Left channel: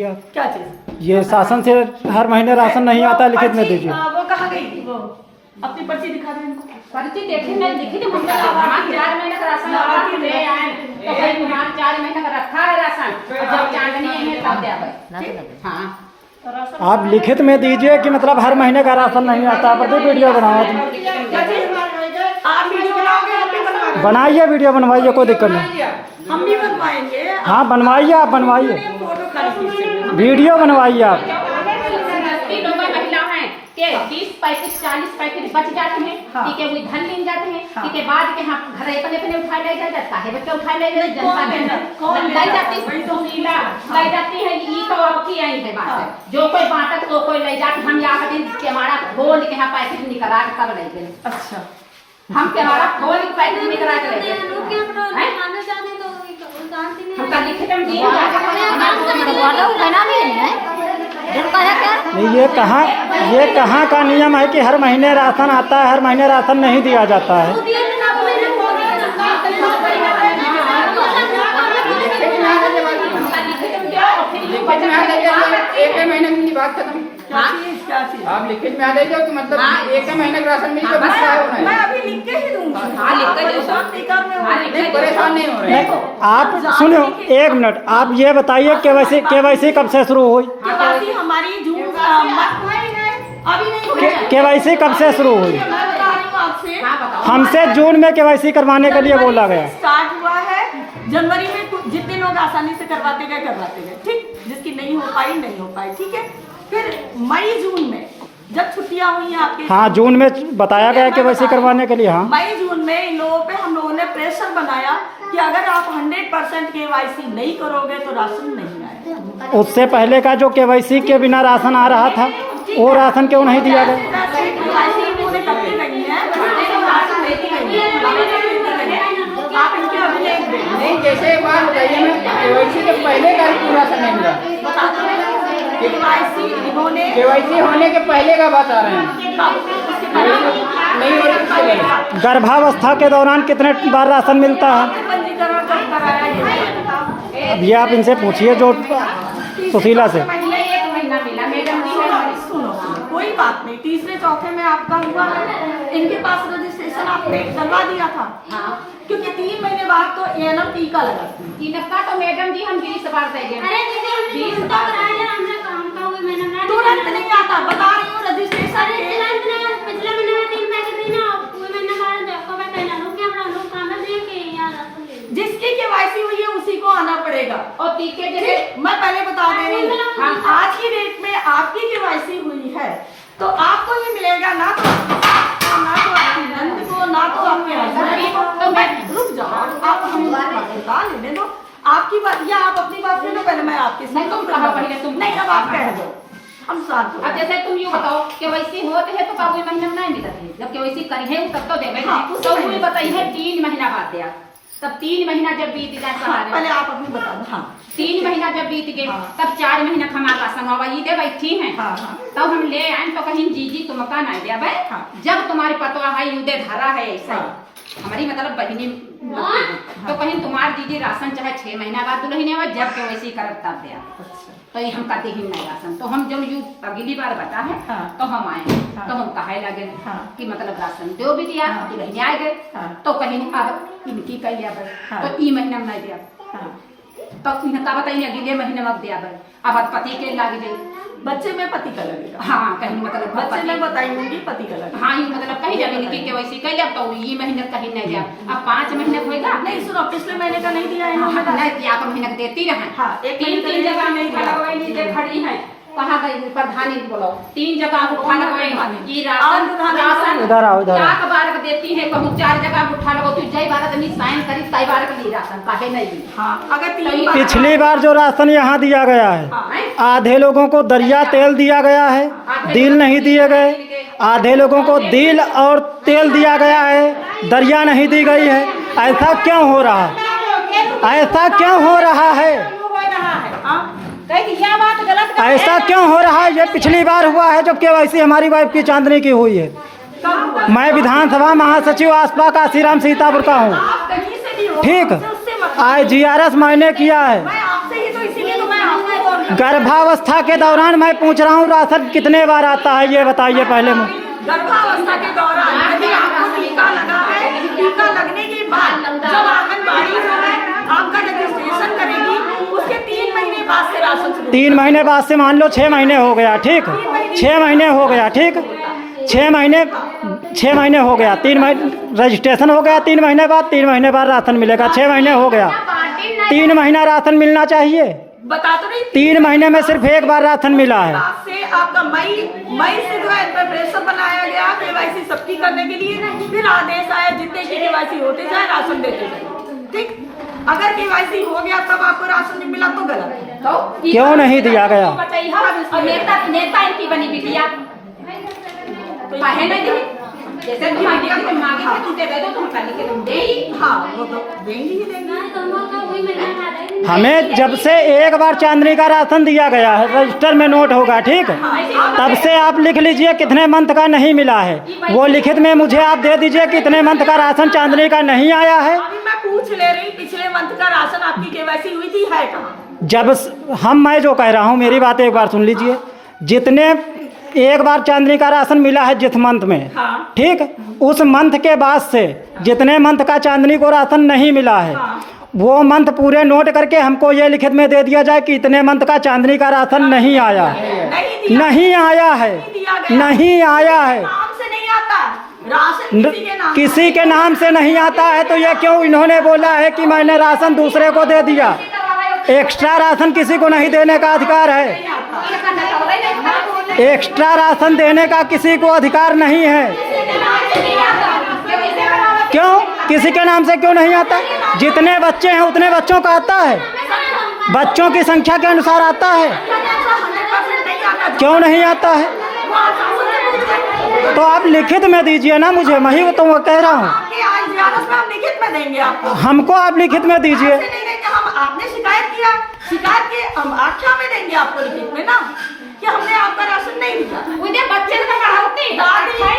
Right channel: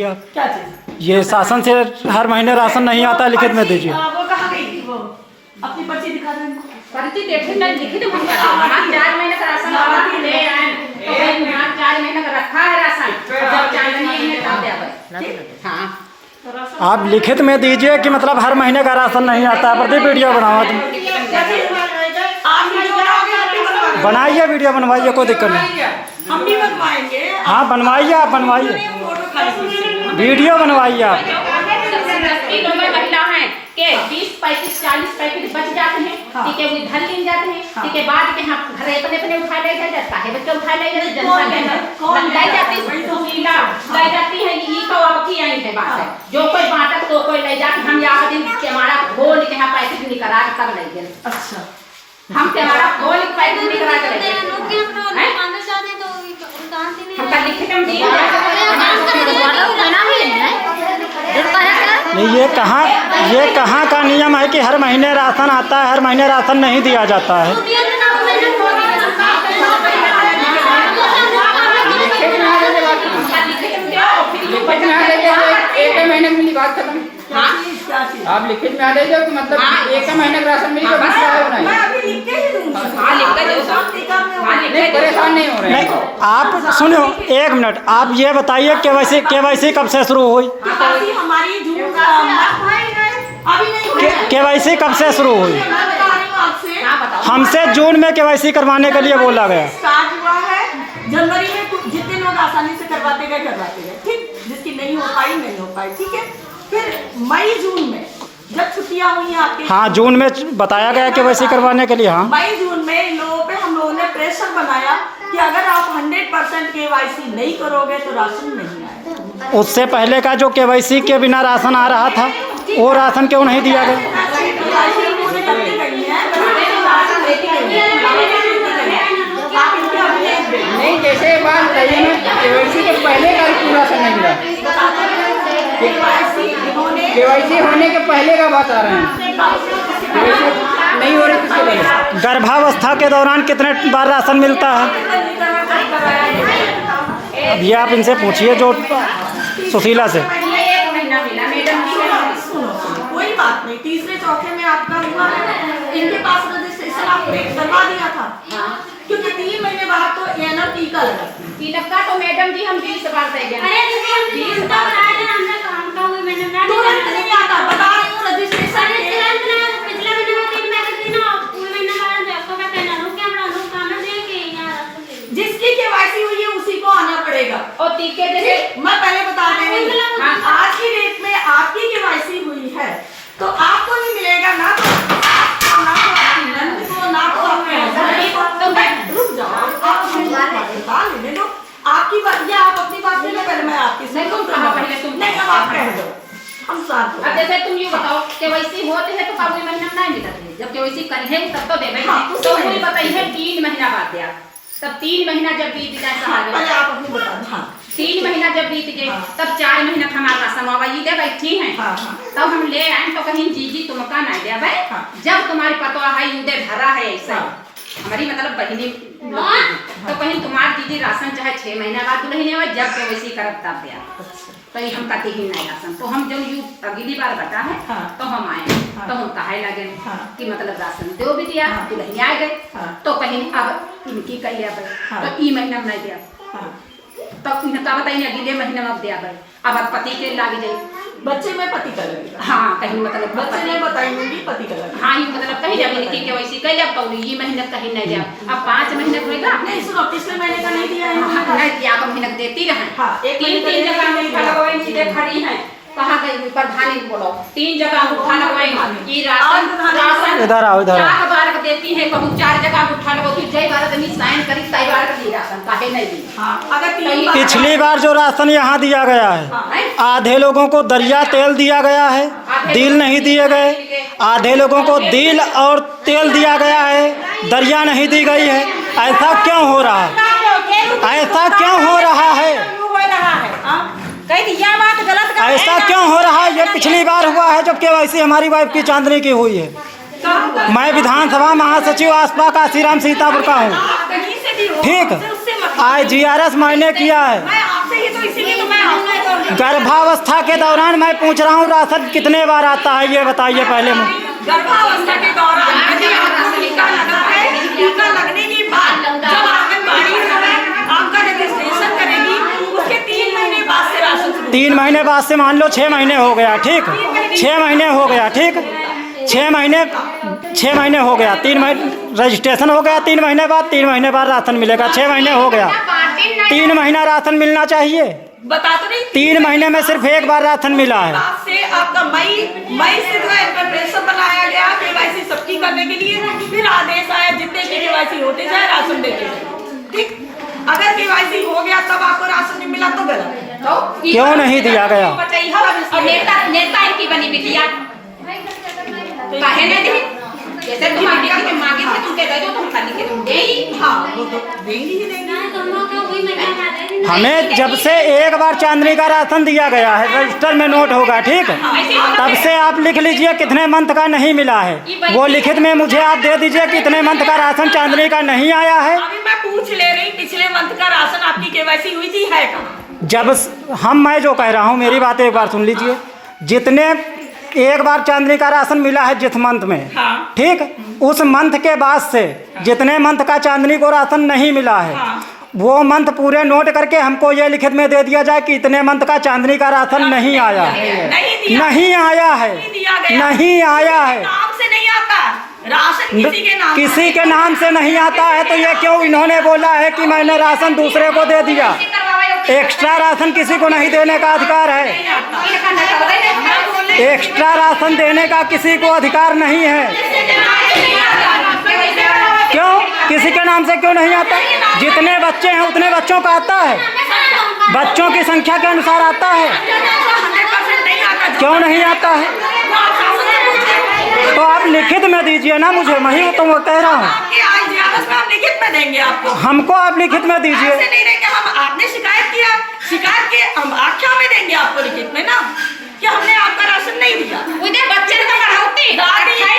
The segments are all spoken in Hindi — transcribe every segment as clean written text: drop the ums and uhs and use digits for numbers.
क्या चीज? ये शासन से हर महीने राशन नहीं आता, लिखित में दीजिए। वो कहाँ गई थी? वो अपनी पर्ची दिखा दो इनको। पर्ची देखे ना, लिखित में 4 महीने का राशन ले आए तो भाई वहाँ 4 महीने का रखा है राशन, जब चांदनी है तब देवे। हाँ आप लिखित में दीजिए कि मतलब हर महीने का राशन नहीं आता। प्रदीप वीडियो बनाओ तुम, आप वीडियो बनाओगे, हम भी बनवाएंगे। बनाइए वीडियो बनवाइए, कोई दिक्कत नहीं। हम भी बनवाएंगे। हाँ बनवाइए, आप बनवाइए, फोटो खाली खींचिए। वीडियो बनवाइए आप। महिला है के 20-25-40 पैकेट बच जाते हैं, ठीक है, वो घर ले जाते हैं, ठीक है, बाद के यहाँ घर अपने उठा ले जाता है, बच्चे उठा ले जाते, जनता ले जाती है, तो लीला ले जाती है। ये तो अब की आई है बात है, जो कोई बांटक तो कोई ले जाके हम यहाँ दिन के हमारा घोल के यहाँ पैकेट निकला कर ले गए। अच्छा, हम के हमारा घोल के पैकेट निकला कर ले गए। हम का लिखे हम दिन नहीं, ये कहाँ का नियम है कि हर महीने राशन आता है, हर महीने राशन नहीं दिया जाता है। एक महीने की बात खत्म। आप लिखित में आ जाइए कि मतलब एक महीने का राशन मिलेगा। मैं अभी लिख के ही दूंगी। परेशान नहीं हो रहे। नहीं, आप सुनो एक मिनट, आप ये बताइए केवाईसी कब से शुरू हुई? केवाईसी हमारी जून अभी नहीं हुई है। केवाईसी कब से शुरू हुई? मैं बता रही हूँ आपसे, हमसे जून में केवाईसी करवाने के लिए बोला गया। स्टार्ट हुआ है जनवरी में, जितने लोग आसानी से करवाते गए, ठीक, जिसकी नहीं हो पाई, ठीक है। फिर मई जून में जब छुट्टियां हुई हैं आपके, हाँ जून में बताया गया केवाईसी करवाने के लिए। हाँ मई जून में इन लोगों पे हम लोगों ने प्रेशर बनाया कि अगर आप 100% केवाईसी नहीं करोगे तो राशन नहीं आएगा। उससे पहले का जो केवाईसी के बिना राशन आ रहा था, वो राशन क्यों नहीं दिया गया? केवाईसी उन्होंने करती गई है, राशन लेती गई है। आप इनके अभिलेख दें। नहीं, जैसे बात बताइए ना, केवाईसी के पहले का पूरा राशन नहीं मिला। बताते हैं केवाईसी इन्होंने, केवाईसी होने के पहले का बात आ रहे हैं, नहीं हो रही। गर्भावस्था के दौरान कितने बार राशन मिलता है? पंजीकरण कब कराया ये? अब ये आप इनसे पूछिए, जो सुशीला से। सुनो, कोई बात नहीं, तीसरे चौथे में आपका हुआ है, इनके पास रजिस्ट्रेशन आपने करवा दिया था, क्योंकि 3 महीने बाद तो एएनएम टीका लगा। टीका तो मैडम जी हम 20 बार दे गए। तुरंत नहीं आता, बता रही हूँ रजिस्ट्रेशन जिसकी केवाईसी हुई है उसी को आना पड़ेगा। और टीके जैसे मैं पहले बता दे रही हूँ, आज की डेट में आपकी केवाईसी हुई है तो आपको ही मिलेगा, ना तो आपकी नंद को, ना तो आपके हस्बैंड को। तो मैं रुक जाओ, आप बता लेने दो आपकी बात, या आप अपनी बात ले लो, पहले मैं आपकी नहीं, तुम कहा पहले, तुम नहीं, अब आप कह दो, हम साथ हो अब जैसे तुम ये बताओ केवाईसी होते है तो काबू महीना में नहीं मिलती, जब केवाईसी करी है तब तो देवे। हाँ, तो मुझे बताइए 3 महीना बाद दिया, तब 3 महीना जब बीत जाए, पहले आप अपनी बता दो। हाँ 3 महीना जब बीत गए, तब 4 महीना हमारा राशन आवा ये दे बैठी है। हाँ हाँ, तब हम ले आए तो कहीं जीजी तुमका ना दे भाई, जब तुम्हारी पतवा है युदे धरा है ऐसा, हमारी मतलब बहिनी तो कहीं तुम्हार दीदी राशन चाहे 6 महीना बाद दुल्हन आवे, जब केवाईसी करब तब दिया। तो हम कहते ही नहीं राशन, तो हम जब यू अगली बार बता है तो हम आए, तो हम कहे लगे कि मतलब राशन दो भी दिया, दुल्हन आ गए, तो कहीं अब इनकी कह लिया भाई, तो ई महीना में नहीं दिया, तो इनका बताइए अगले महीने में दिया भाई, अब पति के लागे जाए, बच्चे में पति का लगेगा। हाँ कहीं मतलब बच्चे में बताइए पति का लगेगा। हाँ ये मतलब कहीं जब इनकी केवाईसी कर लिया तो ये महीने कहीं नहीं दिया, अब 5 महीने होएगा। नहीं सुनो, पिछले महीने का नहीं दिया इन्होंने, नहीं दिया तो महीने देती रहे। हाँ, एक 3 जगह में उठा लगवाई, चीजें खड़ी हैं, कहाँ गई प्रधानी बोलो, 3 जगह उठा लगवाई, ये राशन इधर आओ, इधर आओ। 4 बार देती है, कहूँ 4 जगह उठा लगो, फिर जय भारत में साइन करी तय बार का ली राशन काहे नहीं दी। हाँ, अगर 3 बार पिछली बार जो राशन यहाँ दिया गया है, आधे लोगों को दरिया तेल दिया गया है, दिल नहीं दिए गए, आधे लोगों को दिल और तेल दिया गया है, दरिया नहीं दी गई है। ऐसा क्यों हो रहा है? ऐसा क्यों हो रहा है? ऐसा क्यों हो रहा है? ये पिछली बार हुआ है जब केवाईसी हमारी वाइफ की चांदनी की हुई है। मैं विधानसभा महासचिव आसपा का श्रीराम सीतापुर का हूँ, ठीक। IGRS मैंने किया है। मैं आपसे ही तो इसीलिए तो मैं आपसे गर्भावस्था के दौरान मैं पूछ रहा हूँ राशन कितने बार आता है ये बताइए पहले मैं। गर्भावस्था के दौरान यदि आपको टीका लगा है, टीका लगने के बाद जब आंगनबाड़ी जो है आपका रजिस्ट्रेशन करेगी, उसके 3 महीने बाद से राशन शुरू। 3 महीने बाद से मान लो 6 महीने हो गया, ठीक, 6 महीने हो गया, ठीक, 6 महीने हो गया, 3 महीने रजिस्ट्रेशन हो गया, 3 महीने बाद 3 महीने बाद राशन मिलेगा, 6 महीने हो गया, 3 महीना राशन मिलना चाहिए। बता तो नहीं, 3 महीने में सिर्फ एक बार राशन मिला है। से आपका मई से जो है प्रिपरेशन बनाया गया केवाईसी सबकी करने के लिए, फिर आदेश आया जितने की केवाईसी होते जाए राशन देते जाए, ठीक। अगर केवाईसी हो गया तब आपको राशन नहीं मिला तो गलत। तो क्यों नहीं दिया गया? और नेता इनकी बनी बिटिया काहे नहीं दी? जैसे तुम मांगी थी तुम कह दो तुम खाली के तुम देगी। हाँ वो तो देंगी ही देंगी। हमें जब से एक बार चांदनी का राशन दिया गया है, रजिस्टर में नोट होगा, ठीक, तब से आप लिख लीजिए कितने मंथ का नहीं मिला है, वो लिखित में मुझे आप दे दीजिए कितने मंथ का राशन चांदनी का नहीं आया है। अभी मैं पूछ ले रही, पिछले मंथ का राशन आपकी केवाईसी हुई थी है कहाँ? जब मैं जो कह रहा हूँ मेरी बात एक बार सुन लीजिए, जितने एक बार चांदनी का राशन मिला है जिस मंथ में, हाँ। ठीक, उस मंथ के बाद से जितने मंथ का चांदनी को राशन नहीं मिला है, हाँ। वो मंथ पूरे नोट करके हमको ये लिखित में दे दिया जाए कि इतने मंथ का चांदनी का राशन नहीं आया है, नहीं आया है, नहीं आया है, नाम से नहीं आता राशन, किसी के नाम से नहीं आता है। तो ये क्यों इन्होंने बोला है कि मैंने राशन दूसरे को दे दिया? एक्स्ट्रा राशन किसी को नहीं देने का अधिकार है, एक्स्ट्रा राशन देने का किसी को अधिकार नहीं है। क्यों? किसी के नाम से क्यों नहीं आता? जितने बच्चे हैं उतने बच्चों का आता है, बच्चों की संख्या के अनुसार आता है। क्यों नहीं आता है? तो आप लिखित में दीजिए ना मुझे, मैं ही तो कह रहा हूँ। लिखित में देंगे आपको, हमको आप लिखित में दीजिए। नहीं देंगे हम, आपने शिकायत किया, शिकायत के हम आख्या में देंगे आपको लिखित में ना कि हमने आपका राशन नहीं दिया। उधर बच्चे का होती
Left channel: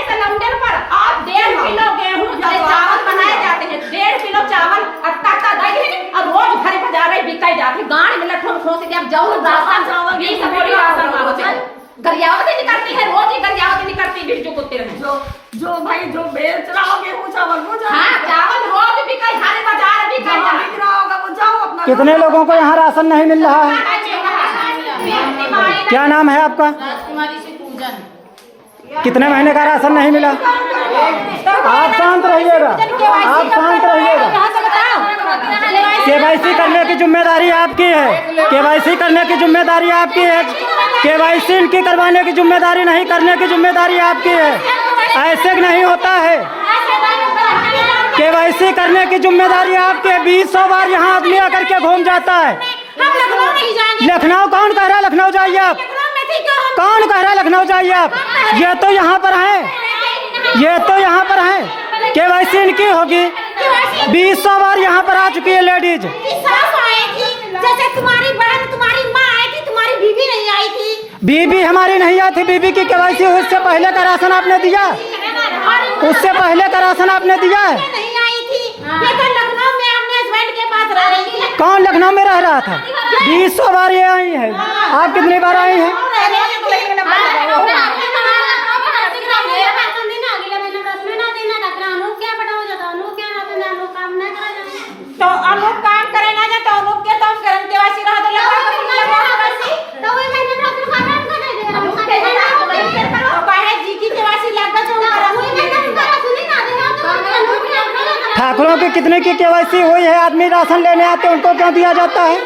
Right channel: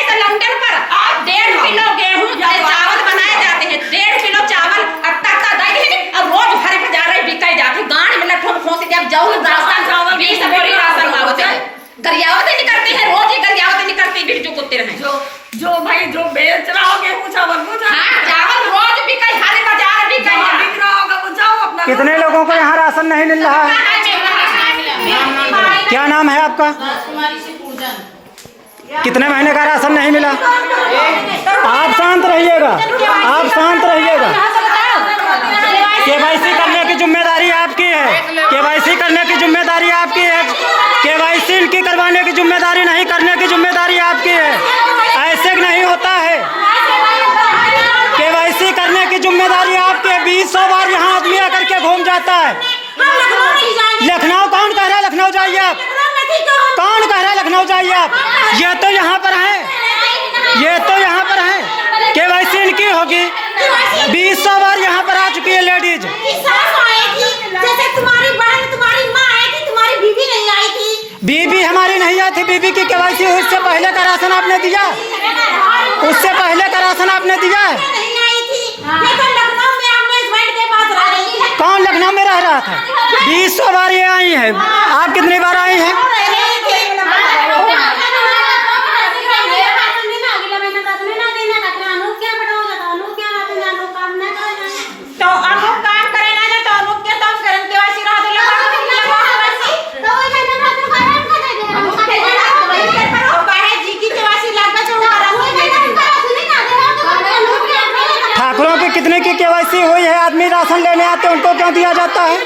सिलेंडर पर आप 1.5 किलो गेहूं चावल बनाए जाते हैं, 1.5 किलो चावल आटा का दाई है और रोज घर पे जा रहे बिकाई जाते गांव में लठों खोसे जब जाओ राशन चावल 20 बोरी राशन होते हैं, गरियावत नहीं करती है, रोज ही गरियावत नहीं करती बिरजू कुत्ते रहे जो भाई जो बेच रहा हो गेहूं चावल वो जाओ। हां चावल रोज बिकाई हर बाजार बिकाई बिक रहा होगा वो जाओ अपना। कितने लोगों को यहाँ राशन नहीं मिल रहा है? क्या नाम है आपका? कितने महीने का राशन नहीं मिला? आप शांत रहिएगा, आप शांत रहिएगा। केवाईसी करने की जिम्मेदारी आपकी है, केवाईसी करने की जिम्मेदारी आपकी है, केवाईसी इनकी करवाने की जिम्मेदारी नहीं, करने की जिम्मेदारी आपकी है। ऐसे नहीं होता है, केवाईसी करने की जिम्मेदारी आपकी है। 20 बार यहाँ आदमी आकर के घूम जाता है। लखनऊ कौन कह रहा है लखनऊ जाइए आप? कौन कह रहा है लखनऊ जाइए आप? ये तो यहाँ पर है, ये तो यहाँ पर है, केवाईसी इनकी होगी। 20 बार यहाँ पर आ चुकी है लेडीज। जैसे तुम्हारी बहन तुम्हारी माँ आई थी, तुम्हारी बीवी नहीं आई थी। बीबी हमारी नहीं आई थी, बीबी की केवाईसी उससे पहले का राशन आपने दिया, उससे पहले का राशन आपने दिया। नहीं आई थी, लेकिन लखनऊ में अपने हस्बैंड के पास रह रही थी। कौन लखनऊ में रह रहा था? 20 बार ये आई है, आप कितनी बार आई हैं? तो अब वो काम करेगा ना तो लोग क्या तो करन के वासी रह दिया तो वो मैंने अपने कारण को दे दे तो काहे जी की केवासी लगभग जो वो मैंने उनका सुनी ना देना तो ठाकुरों की कितने की केवाईसी हुई है? आदमी राशन लेने आते हैं उनको क्यों दिया जाता है?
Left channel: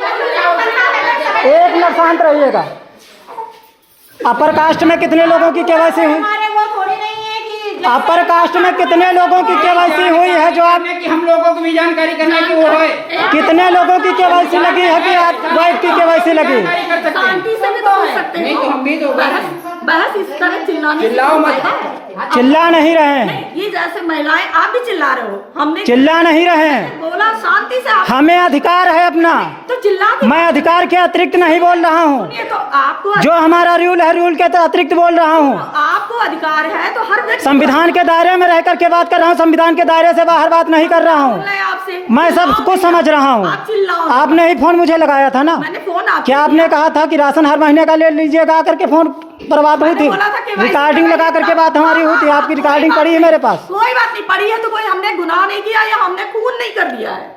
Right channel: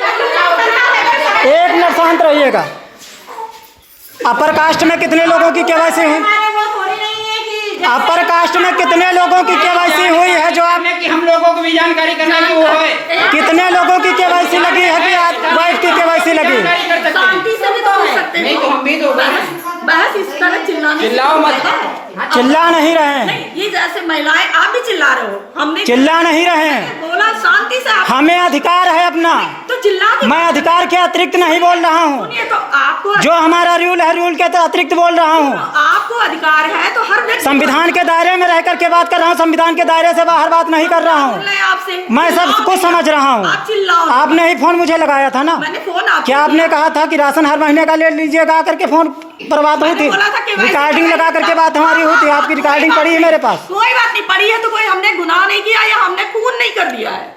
एक मिनट शांत रहिएगा। अपर कास्ट में कितने लोगों की केवाईसी हुई? अपर कास्ट में कितने लोगों की केवाईसी हुई है जो आप कि हम लोगों को भी जानकारी करना कि वो है? कितने लोगों की केवाईसी लगी है कि वाइफ की केवाईसी लगी? नहीं तो हम भी तो बहस इस तरह चिल्लाने से चिल्लाओ मत। होता है। चिल्ला नहीं रहे हैं, नहीं, ये जैसे महिलाएं आप भी चिल्ला रहे हो, हमने चिल्ला नहीं रहे हैं। बोला शांति से आप हमें अधिकार है अपना, तो चिल्ला के मैं अधिकार के अतिरिक्त नहीं बोल रहा हूँ। सुनिए, तो आपको जो हमारा रूल है, रूल के तो अतिरिक्त बोल रहा हूँ। आपको अधिकार है तो हर व्यक्ति संविधान के दायरे में रह करके बात कर रहा हूँ, संविधान के दायरे से बाहर बात नहीं कर रहा हूँ। बोले आपसे मैं सब कुछ समझ रहा हूँ। आप चिल्लाओ। आपने ही फोन मुझे लगाया था ना, मैंने फोन आपको क्या आपने कहा था कि राशन हर महीने का ले लीजिएगा करके फोन पर बात हुई थी, बोला था कि भाई रिकॉर्डिंग लगा करके बात हमारी हुई थी, आपकी रिकॉर्डिंग पड़ी है मेरे पास। कोई बात नहीं, पड़ी है तो कोई हमने गुनाह नहीं किया या हमने खून नहीं कर दिया है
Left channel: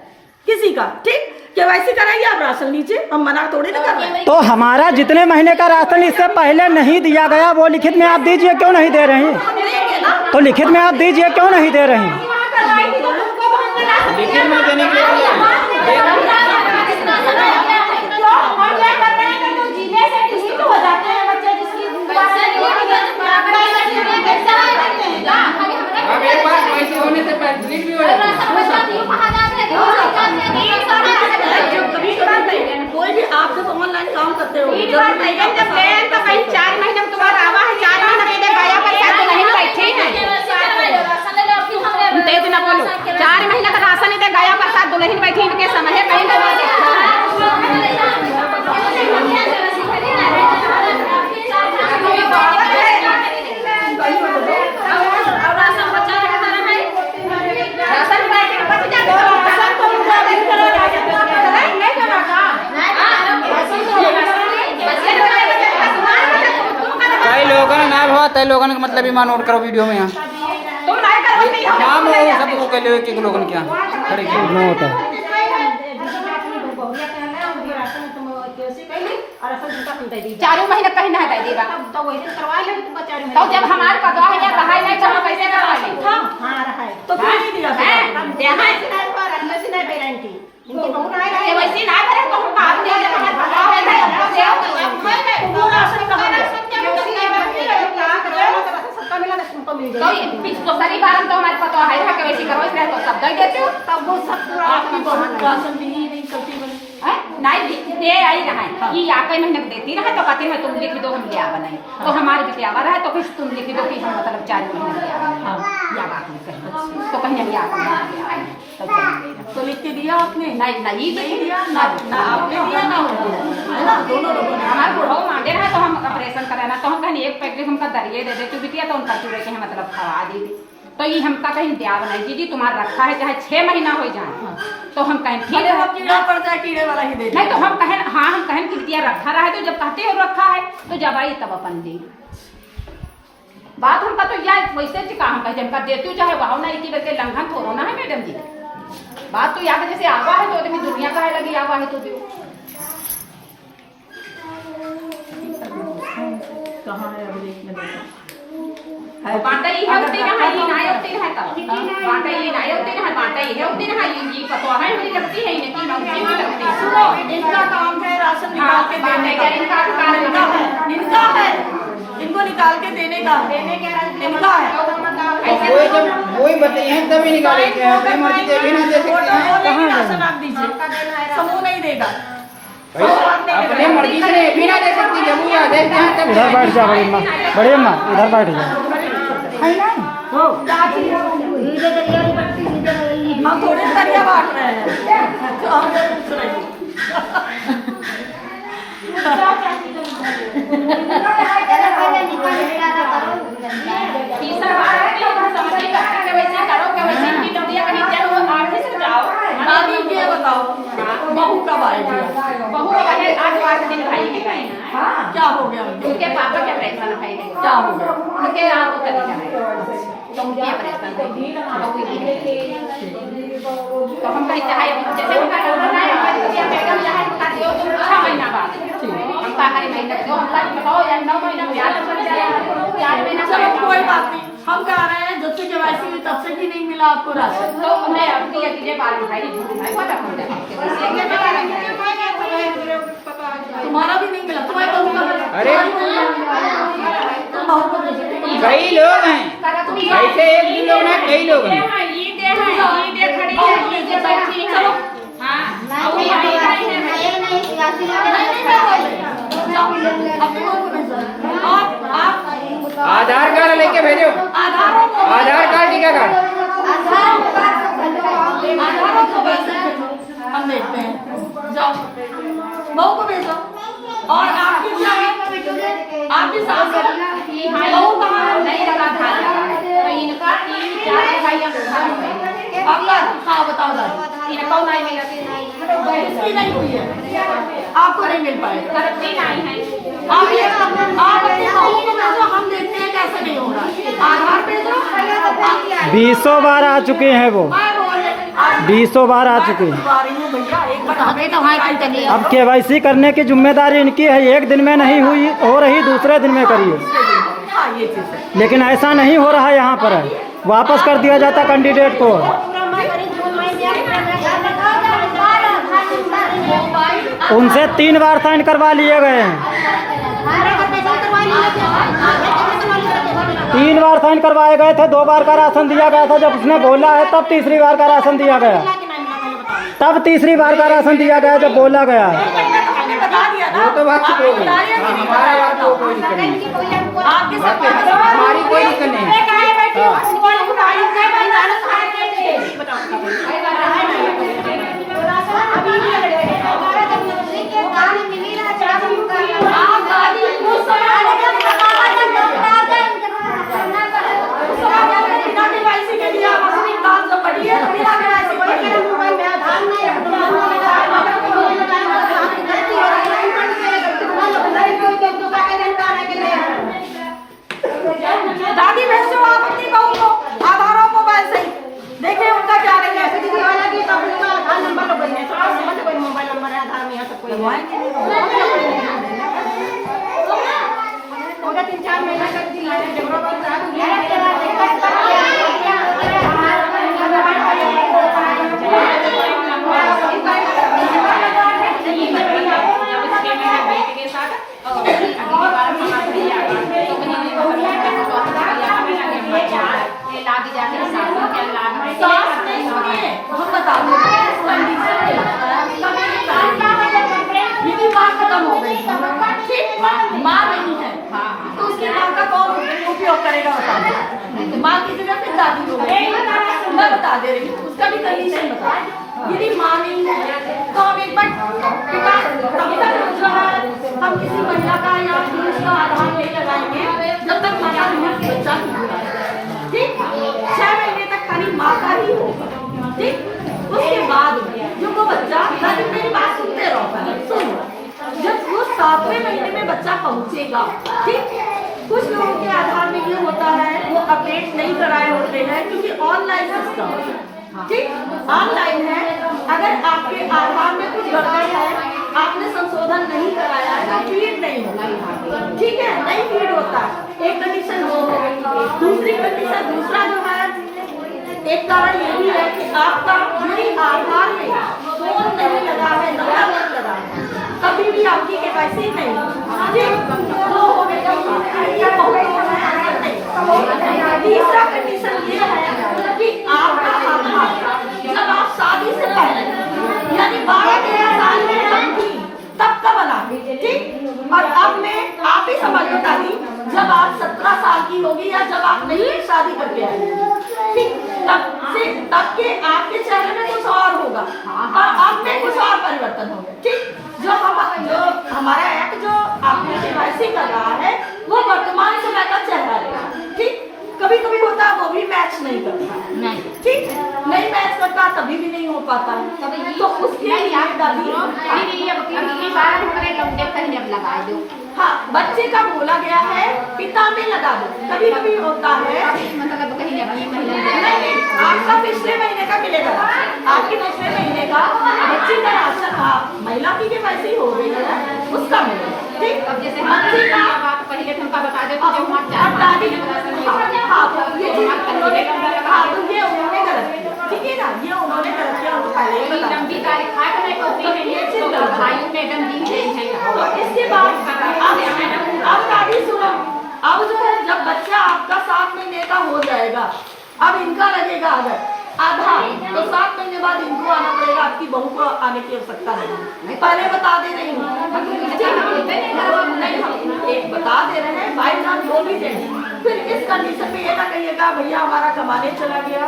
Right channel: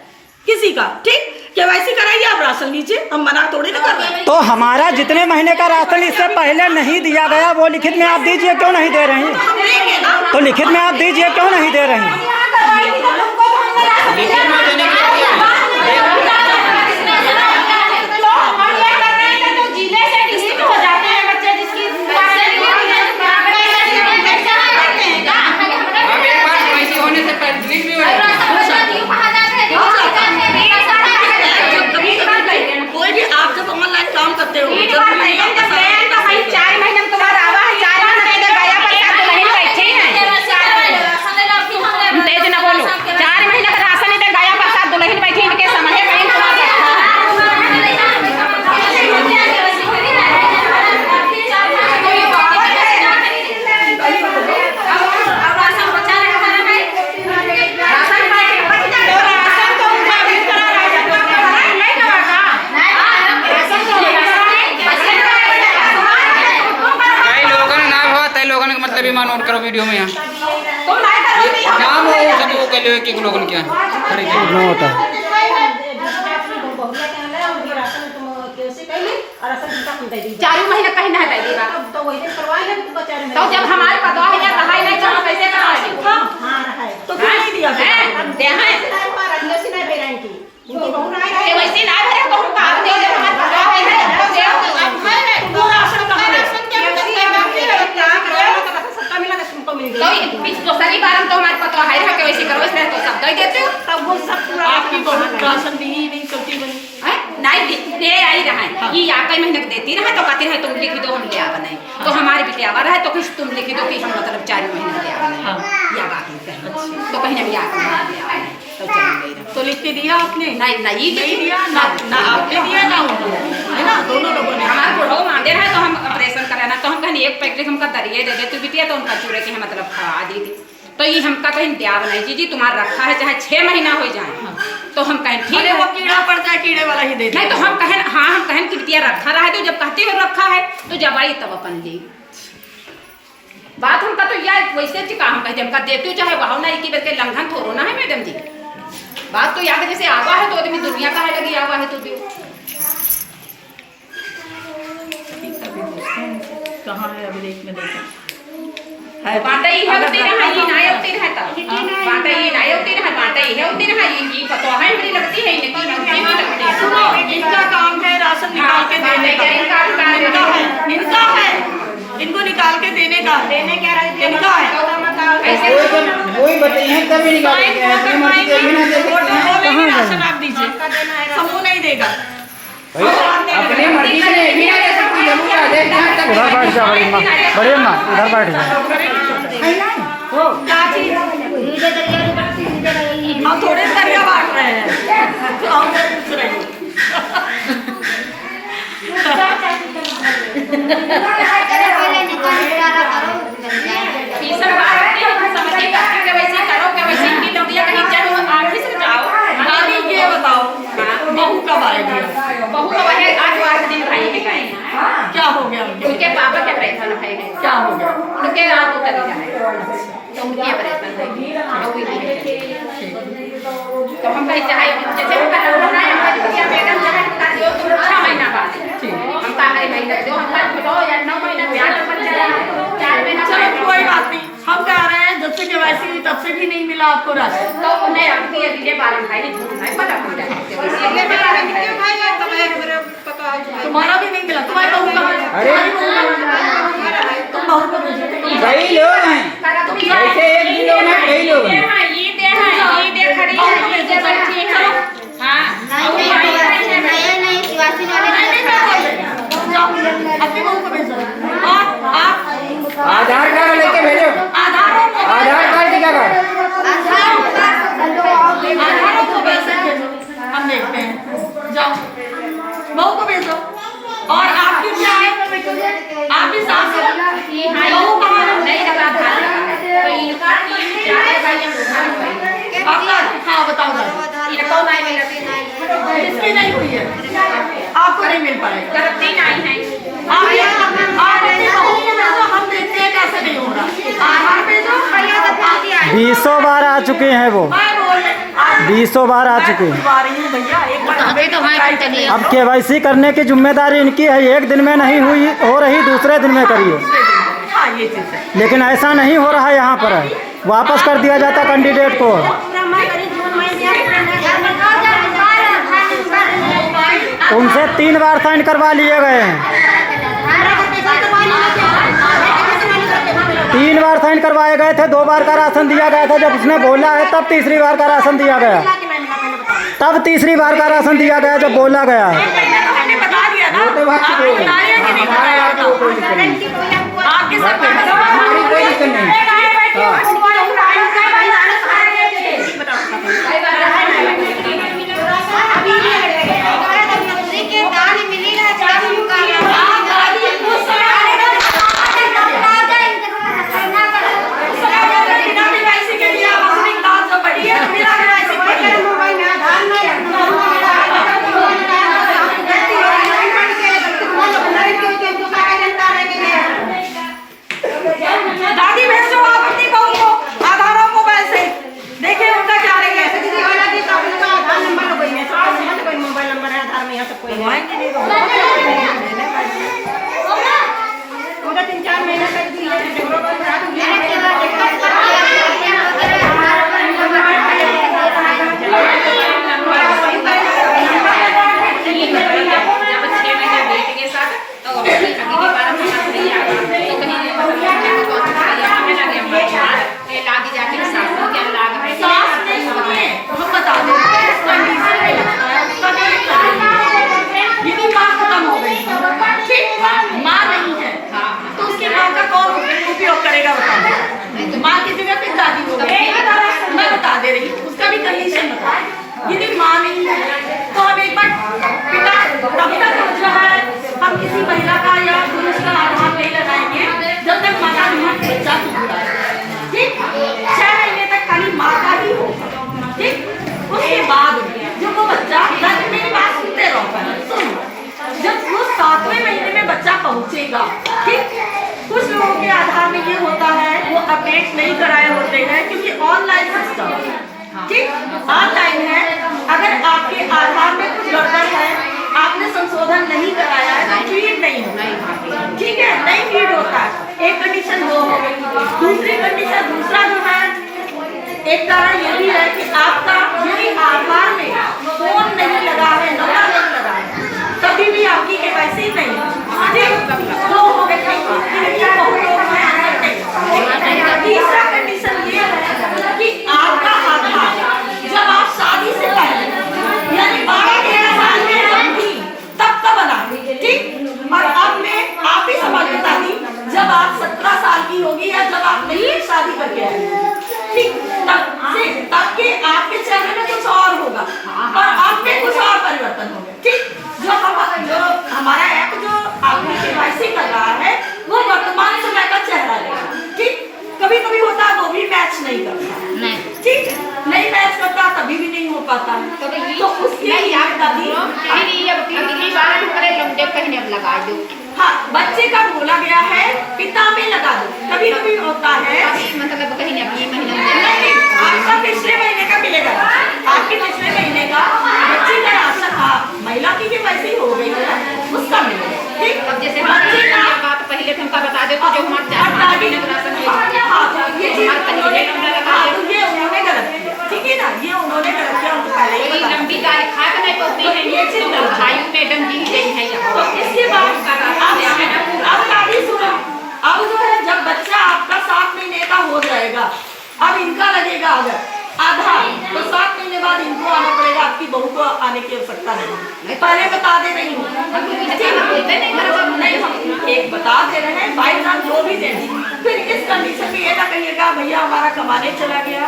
किसी का। ठीक, केवाईसी कराइए, आप राशन लीजिए, हम मना थोड़ी ना कर रहे हैं। तो हमारा जितने महीने का राशन इससे पहले नहीं दिया गया वो लिखित में आप दीजिए, क्यों नहीं दे रहे हैं? हम लेंगे ना। तो लिखित में आप दीजिए, क्यों नहीं दे रहे हैं? लिखित में देने के लिए अब एक बार पैसे होने से पहले डिलीट भी हो जाती जब कभी कभी कोई भी आप जब ऑनलाइन काम करते हो जरूरी नहीं है आपका सारा डेटा सही है। 4 महीने में तुम्हारा आवा है, 4 महीने गया पर दुल्हन बैठी है। तेज ना बोलो, 4 महीने का राशन नहीं दे गया पर साथ दुल्हन बैठी, इनके समझे कहीं तुम्हारा रखा है। कई लोगों ने ना हुआ, कई लोगों ने मतलब ये नोट करो वीडियो में यहाँ तुम नहीं करोगी हम नाम हो सब वो के लिए कि लोगों ने क्या नोट है। चारों महीने कहीं नहीं दे देगा तो जब हमारे पता है ये दहाई नहीं चलो कैसे करवाएंगे? तो क्यों नहीं दिया वैसे ना भरे तो हम काम दे दे हमारे पता है तो वो राशन कहाँ है? तो सही बार तो हमारे पता है कि वैसे करो इसलिए तो सब दे देते हो। तब वो सब पूरा आपकी बहुत राशन दी ही नहीं चलती बनी। नहीं दे आई रहा है ये या कई महीने देती रहे तो कहती है तुम लिख दो हम ले आवा नहीं तो हमारे भी आवा रहे तो किस तुम लिख दो कि हम मतलब 4 महीने ले आवा नहीं या बात नहीं करना तो कहीं भी आकर तो चलेंगे तो लिख के दिया आपने? नहीं दिया ना आपने दिया ना उन्होंने, है ना, दोनों लोगों ने। हमारे बुढ़ो मांगे रहे तो हम ऑपरेशन कराना तो हम कहीं एक पैकेट हमका दरिए दे देते बिटिया तो उनका चूरे के मतलब खा दी थी तो ये हमका कहीं दिया नहीं जी तुम्हारा रखा है चाहे 6 महीना हो जाए तो हम कहें ठीक है वो कीड़ा पड़ जाए कीड़े वाला ही दे नहीं तो हम कहें हाँ हम कहें कि बिटिया रखा रहा है तो जब कहते हो रखा है तो जब आई तब अपन ले बात हमका तो यार वैसे चिका हम कहते हमका देते हो चाहे भाव नहीं की बल्कि लंघन थोड़ो ना है मैडम जी बात तो याद है जैसे आवा है तो आदमी दुनिया का है लगी आवा है तो दियो कहाँ है अभिलेख में देखा बाटा ये होते हैं ये ना होते हैं तो बाटा ये ना होते हैं बाटा ये होते हैं ये पता है मेरी लगती है इनकी नौकरी नहीं लगती सुनो, इनका काम है राशन निकाल के देने का। इनका है इनको निकाल के देने का इनका है। ऐसे कोई बताइए तभी निकालेंगे फोटो बोलेगी राशन आप दीजिए, समूह नहीं देगा। अपने मर्जी से भी ना दे सकती जरूर आ जाए जहाँ तक उधर बैठ जा बड़ी अम्मा उधर बैठ जा। हम थोड़े दरिया बांट रहे हैं तो हम पूछ रहे हैं। ये बताओ बहू कब आएगी? बहू है 8 दिन भाई के गए क्या हो गया उनके? उनके पापा के पैसा है क्या हो गया? उनके रात को चले जाए तो उनके पैसा तो हम कहीं चाहे जैसे उनका रोना है उनका जो मैडम चाहे उनका जो 6 महीना बाद हम कहा है महीना जो हम कहा या 9 महीना ब्याज पर चला 4 महीना चलो कोई बात नहीं, हम कह रहे हैं जब से केवाईसी हुई तब से भी नहीं मिला आपको राशन। तो उन्हें अब ये अगले बार भाई झूठना है पता हो जाए तुम्हारा भी नहीं मिला, तुम्हारी बहू कहाँ है? तुम बहू को भेजो। कई लोग हैं ऐसे एक भी लोग हैं कई लोग हैं ये दे खड़ी है ये बैठी है हां अपनी बहू को भेजो और आप के भेजो। आधार और मोबाइल आधार कार्ड टिकट कार्ड। आधार और मोबाइल से भेजो, हम देखते हैं। जाओ बहू को भेजो। और आपकी क्या है, आपकी सास बहू कहाँ है? नहीं लगा आधार लगा है तो इनका 3-4 भाई जब होगा आपका हाँ बताओ दादी, इनको नहीं मिल रही इसकी नहीं हुई है, आपको नहीं मिल पाएगा। करते नहीं है आप अपनी बहू को भेजो, हम देखते हैं कैसे नहीं होगा। आधार भेजो। 20 बार आ चुके हैं वो, मैं बोल रही 20 बार आ चुके हैं। आ रही हूँ भैया, एक बार अब KYC करने की जिम्मेदारी इनकी है, एक दिन में नहीं हुई हो रही, दूसरे दिन में करिए। हाँ ये चीज़ है। लेकिन ऐसा नहीं हो रहा है यहाँ पर, वापस कर दिया जाता कैंडिडेट को। उनसे 3 बार साइन करवा लिए गए हैं, 3 बार साइन करवाए गए थे, 2 बार का राशन दिया गया था। जब उसने बोला है तब तीसरी बार का राशन दिया गया, तब तीसरी बार का राशन दिया गया जब बोला गया है। मैंने बता दिया ना, तो बात आपको बताया कि नहीं बताया? बताओ। आपके सब हमारी कोई दिक्कत नहीं। आप गाड़ी उस समय आएगा तो बिना KYC के लिए आप अपनी काम जो पड़ी है बिना KYC पड़ी है। दादी भेजो आप अपनी बहू को आधार और मोबाइल से, देखिए उनका क्या रही है। मोबाइल नंबर है, आधार में यहाँ सब कोई है। 3-4 महीना तक जब 6 महीने बेटे के साथ तो अगली बार मना नहीं आया तो कहीं लागी जाके सासू के लाग में सास नहीं सुनिए, हम बता दें यदि माँ खत्म हो गई, ठीक, माँ नहीं है तो उसकी माँ का कौन उपयोग करेगा बताओ। माँ की जगह फिर दादी हो गई, मैं बता दे रही हूँ, उसका भी कंडीशन बता। यदि माँ नहीं है तो हम एक बार पिता तब तक जो है हम किसी महिला का या पुरुष का आधार नहीं लगाएंगे जब तक माँ का बच्चा पूरा है, ठीक। 6 महीने तक खाली माँ का ही होगा, ठीक। उसके बाद जो वो बच्चा, मेरी बात सुनते रहो, सुनो, जब वो 7वें महीने में बच्चा पहुंचेगा, ठीक। कुछ लोगों के आधार में ये होता है वो अपडेट नहीं कराए होते हैं क्योंकि ऑनलाइन सिस्टम, ठीक, ऑनलाइन है। अगर आपके आधार में कुछ गड़बड़ है, आपने संशोधन नहीं कराया है तो फीड नहीं होगा, ठीक है, नहीं फीड होता है। एक कंडीशन वो हो गई। दूसरी कंडीशन, दूसरा जो है, एक कारण ये भी है कि आपका यदि आधार में फोन नहीं लगा है, नंबर नहीं लगा है, तभी भी आपकी KYC नहीं, ठीक, दो हो गए। तीसरा कंडीशन ये है कि आपका आधार जब आप शादी से पहले यानी 12-13 साल में जब थी तब का बना, ठीक। और अब में आप ही समझ बता दी जब आप 17 साल की होगी या जब आप नहीं शादी करके आए, ठीक, तब के आपके चेहरे में कुछ और होगा और आप में कुछ और परिवर्तन होगा, ठीक। जो हमारा ऐप जो आपकी KYC कर रहा है वो वर्तमान समय का चेहरा लेगा, ठीक। कभी कभी होता है वो भी मैच नहीं करता, ठीक, नहीं मैच करता तभी भी नहीं हो पाता, तो उसके लिए दादी अगली बार हमारे लंबे कहीं अब लगा दो। हाँ, बच्चे का बोला गया है पिता में लगा दो, कभी कभी होता है मतलब कहीं अगले महीने नहीं, आपका पिछले महीने का मिलेगा, आपके पिछले महीने का बच्चे का राशन, महिला की KYC हो गई है उसका मिलेगा, ठीक। अब जैसे बच्चे का बात पहले तुमका बता दो जो हमारे ये उन्होंने गलत किया, ठीक है ना, ये उन्होंने गलत किया, उनको पहले ही बता लंबी तारीख खा के नहीं पहुंचती है, ये चीज भाइयों मैडम जी गई है यहाँ। तो इसके बाद अब दादी सुनो, अब जो है जब बच्चा आपका 7 महीने का हो जाएगा, अब इनका लगेगा अगर आधार तो 7 महीने बाद इनको आना पड़ेगा, आपकी बहू को आने की आवश्यकता नहीं, पहले बता दे रही हूँ, नहीं एक बता दे रहे हैं बाई चांस जो भी दे फिर इस कंडीशन में ये ना कहिएगा भैया हमारा कमाने चला गया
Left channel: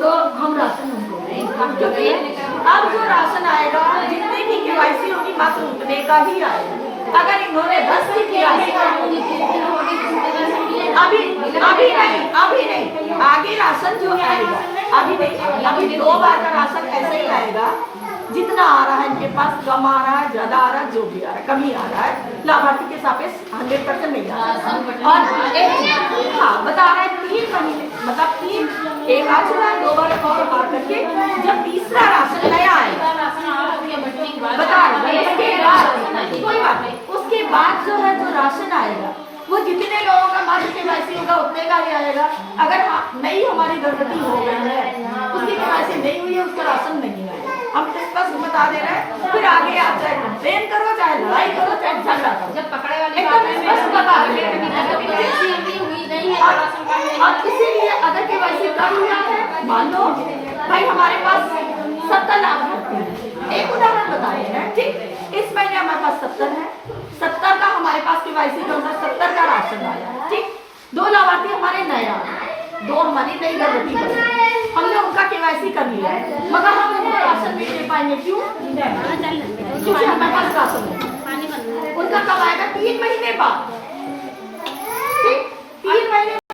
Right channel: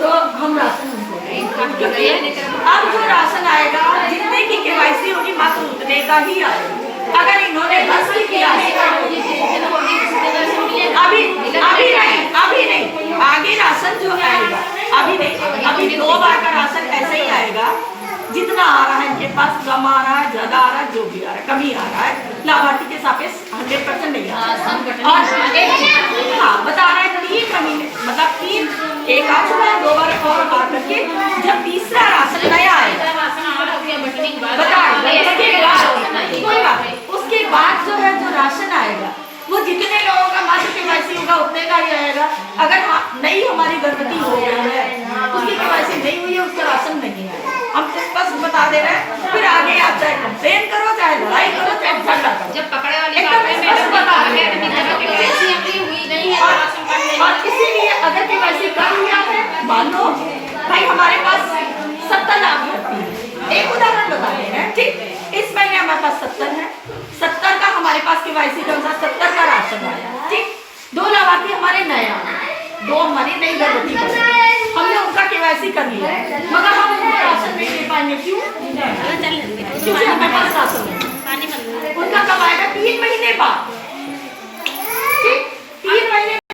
तो हम राशन उनको दें। क्योंकि अब जो राशन आएगा जितने की केवाईसी होगी मात्र उतने का ही आएगा। अगर इन्होंने 10 की किया अभी नहीं आगे राशन जो आएगा अभी नहीं, अभी 2 बार का राशन ऐसे ही आएगा जितना आ रहा है इनके पास, कम आ रहा है ज्यादा आ रहा है जो भी आ रहा है कमी आ रहा है, लाभार्थी के सापेक्ष 100% नहीं आ रहा है। और हाँ बता रहे हैं 3 महीने मतलब 3 एक आ चुका है 2 बार और आ करके जब तीसरा राशन नया आएगा बताए कोई बात नहीं, उसके बाद जो है जो राशन आएगा वो जितने लोगों का मात्र केवाईसी होगा उतने का ही आएगा। अगर नई हमारी गर्भवती हो गई है उसकी केवाईसी नहीं हुई है उसका राशन नहीं आएगा। हम तो स्पष्ट बता दे रहे हैं। फिर आगे आप चाहे कंप्लेन करो चाहे लड़ाई करो चाहे झगड़ा करो, जब पकड़े वाली एकदम स्पष्ट बता दे रहे हैं। और इसीलिए अगर केवाईसी कर लिया है मान लो भाई हमारे पास 70 लाभार्थी है, एक उदाहरण बता रहे हैं ठीक, इस महीने हमारे पास 70 है, 70 का हमारे पास केवाईसी के अनुसार 70 का राशन आया ठीक, 2 लाभार्थी हमारे नए आए, 2 हमारी नई गर्भवती बनी, हमने उनका केवाईसी कर लिया मगर हम उनको राशन नहीं दे पाएंगे क्यों? क्योंकि हमारे पास राशन नहीं, उनका कब आएगा 3 महीने बाद।